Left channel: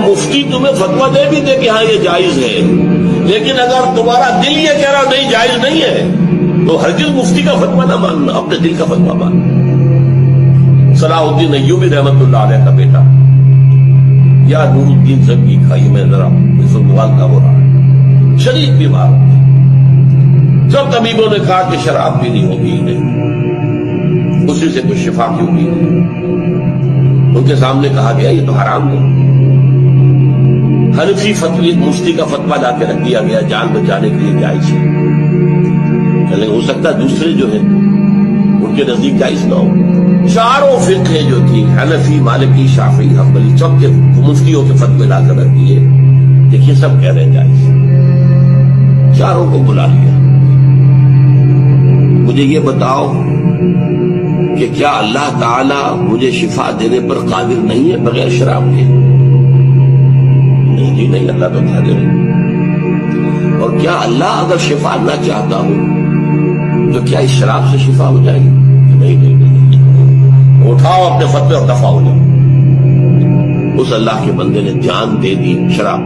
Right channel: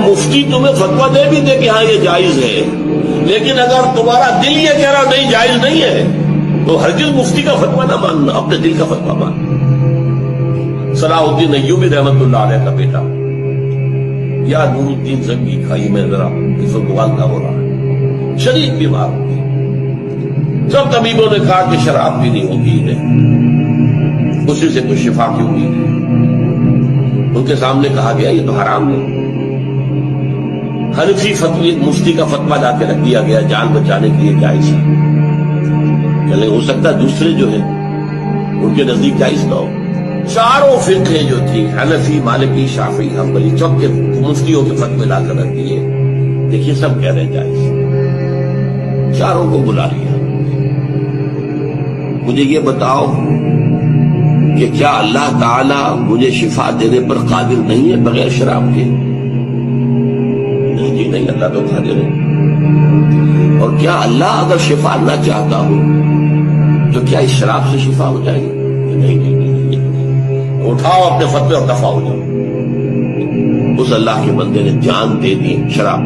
مفتی تمہیں فتویٰ دے بھی دے کہ ہاں یہ جائز ہے، لیکن اگر تمہارا دل یہ کہہ رہا نہیں جائز نہیں ہے تو ہرگز مفتی کا فتویٰ نہ ماننا، اپنے دل کا فتویٰ ماننا۔ صلاح الدین ایوبی رحمت اللہ علیہ کا بیٹا یا نور الدین زنگی کا، یہ میں ذرا اس وقت موالدہ ہو رہا ہے، شدید بیمار ہوئے، سب طبیبوں نے کہا کہ شراب پینی ہوگی نہیں، اسی سے کچھ شفا کی امید ہے۔ ان کے سامنے کہا گیا یہ تو حرام ہے۔ حنفی فتوی مفتی کا فتویٰ لا کے رکھ دیا گیا، جان بچانے کے لیے جائز ہے، چلے ہو سکتا ہے دوسرے جو ہیں ان کے نزدیک جائز نہ ہو۔ چاروں فقہ جو تھی، حنفی، مالکی، شافعی، حنبلی، سب کے مفتیوں کے فتوے لا کر رکھ دیے، دیکھیے سب کہہ رہے ہیں جائز، چاروں کو بلا لیا۔ مجھے یہ بتاؤ کہ کیا اللہ تعالی مجھے شفا دینے پر قادر نہیں ہے بغیر شراب کے؟ نہیں جی نہیں، اللہ تو قادر ہے۔ اور کیا اللہ اگر شفا نہ چاہتا ہو تو کیا اس شراب سے شفا ہو جائے گی؟ نہیں نہیں نہیں، اٹھاؤ اپنے فتوے اور دفع ہو جاؤ۔ اس اللہ کے بندے نے جان دے دی شراب